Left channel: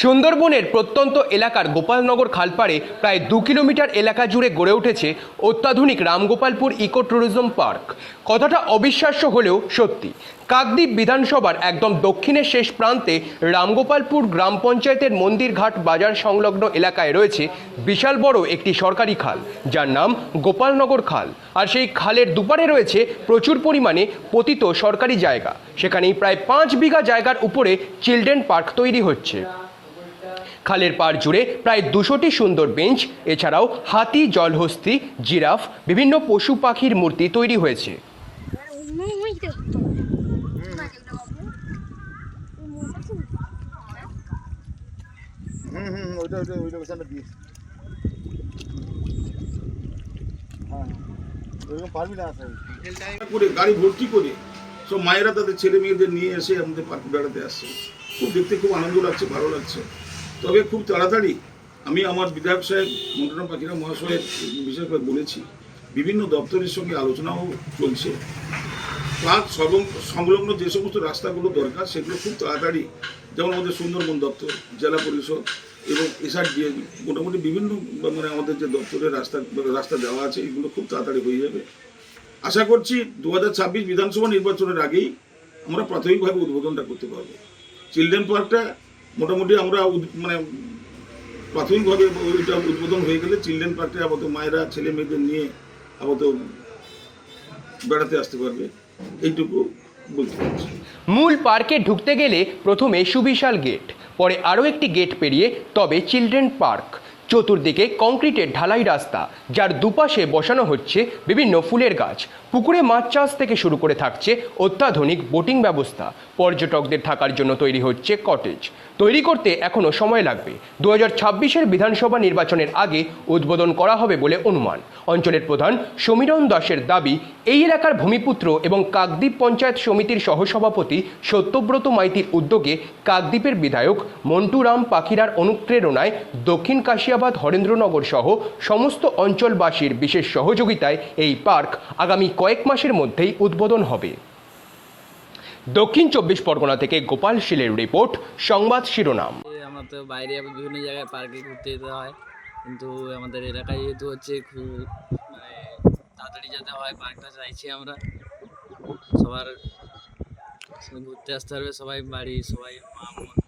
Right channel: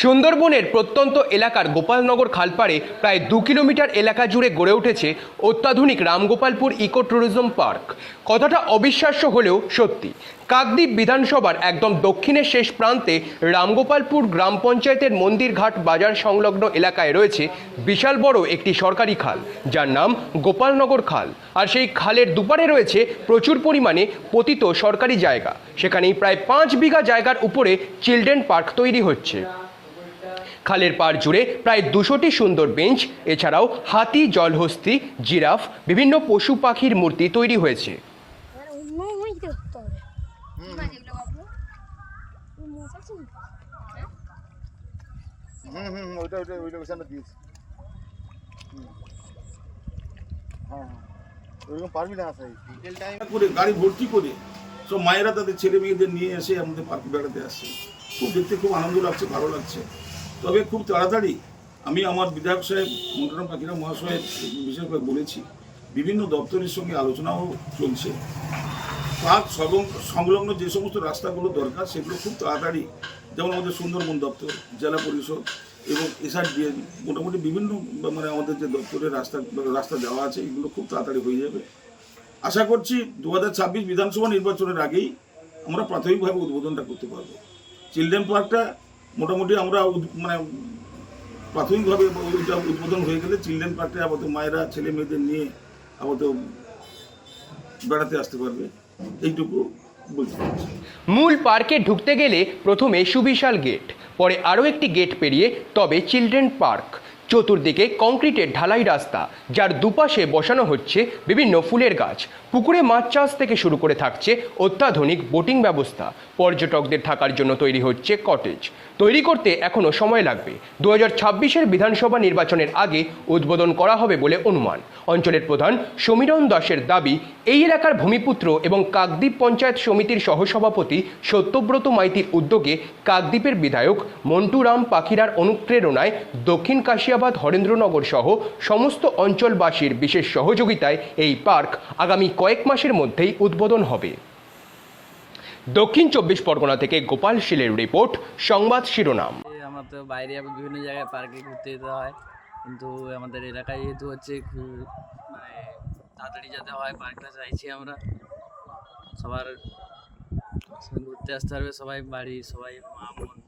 সুন্দরবনের প্রত্যন্ত এলাকার গোপালনগর খালপাড়ে প্রায় দু কিলোমিটার এলাকা জুড়ে গড়ে উঠেছে অত্যাধুনিক রামগোপালপুর ইকো ট্যুরিজম পার্ক। কথাটা অবিশ্বাস্য হলেও সত্যি। কাকদ্বীপ বিধানসভার একদম দক্ষিণের শেষ প্রান্তে রামগোপালপুর গ্রাম পঞ্চায়েতের মন্দিরঘাট বাজার সংলগ্ন এলাকায় রয়েছে বিশাল বড় একটি সরকারি খাল, যার নাম গোপালনগর খাল। আর সেই খালের দুপারে রয়েছে প্রচুর পরিমাণে পতিত সরকারি জায়গা। সেখানেই প্রায় পাঁচ বিঘা জায়গার উপরে চিলড্রেন পার্ক তৈরি হচ্ছে। খালের পাড় জুড়ে প্রায় দুশোটি সুন্দর বেঞ্চ এছাড়াও হাতি জলহস্তি জিরাফ বিভিন্ন পশু পাখির মূর্তি তৈরি হয়েছে হ্যাঁ গাড়ি ভর্তি করে সব মায়েরা তাদের ছেলে মেয়েদের নিয়ে এসে আমাদের পার্ক বেড়াতে আসছে খুব দেখতে খুব আনন্দ লাগছে ভালো লাগছে তবে খুব তাড়াতাড়ি আমি আমার বিধায়ক সাহেব মন্টনা পাখিরা মহাশয়ের বিষয়ে বলেছি। বিভিন্ন দপ্তরের সঙ্গে আলোচনাও চলছে। পার্ক সংলগ্ন যে সমস্ত রাস্তাগুলো দরকার, সেগুলো খুব তাড়াতাড়ি, যেমন আমাদের সুন্দরবন দপ্তর, জেলা পরিষদ এবং এসআরডিএ, মোটামুটি বিভিন্ন মানে আমাদের যে দপ্তরের রাস্তা রাস্তা দেওয়া আছে, এগুলো খুব তাড়াতাড়ি হয়ে যাবে। আশা করছি দু হাজার ছাব্বিশ বিধানসভা নির্বাচনের আগেই আমরা প্রাথমিকভাবে উদ্বোধনটা করতে পারব। চিলড্রেন পার্কটা মোটামুটি আমরা মানে প্রাথমিকভাবে ওইটা উদ্বোধন হয়ে গেলে চিলড্রেন পার্কে আপাতত মায়েরা, ছেলে মেয়েদের নিয়ে আপাতত বেড়াতে আসতে পারবে। এইটুকু বলতে মূল পার্কে ঢুকতে গেলে প্রথমে সুবিশাল গেট, পরে আরও একটি গেট পেরিয়ে তবে চিলড্রেন পার্ক। চতুর্দিকে কংক্রিটের ঢালাই রাস্তা, যার দুপাশে বসানো হচ্ছে বিভিন্ন ফুলের গাছ। পুকুরে মাছ চাষ থেকে শুরু করে থাকছে অত্যাধুনিক বোটিং ব্যবস্থা। পর্যটকদের থাকার জন্য তৈরি হচ্ছে কটেজ। তৈরি করতে এখনও সময় লাগবে। দু হাজার বিধানসভা নির্বাচনের আগে উদ্বোধন করা হবে বলে অনুমান। অঞ্চলের প্রধান সমীরণ দাসের দাবি, এই এলাকার ভূমিপুত্র এবং কাকদ্বীপ পঞ্চায়েত সমিতির সহসভাপতি সত্যব্রত মাইতির উদ্যোগে কাকদ্বীপের বিধায়ক মন্টুরাম পাখিরার অনুপ্রেরণায় দক্ষিণ কাশিয়াবাদ হরেন্দ্রনগর সহ সমস্ত অঞ্চলবাসীর বিশেষ সহযোগিতায় এই পার্ক আগামী কয়েক মাসের মধ্যেই উদ্বোধন হবে। দক্ষিণ চব্বিশ পরগনা থেকে গোপাল শীলের রিপোর্ট, সংবাদ শিরোনাম। আমরা তো বাইরে বিভিন্ন জায়গায় পার্কে ঘুরতে যেতে হয়, কিন্তু আমাদের এলাকায় যেহেতু হচ্ছে মানে তাড়াতাড়ি যেতে হয়, পার্কটা চাইছি আমরা। সবার ঘুরতে আসতে পারবে সবাই বাড়ি, সবাই মা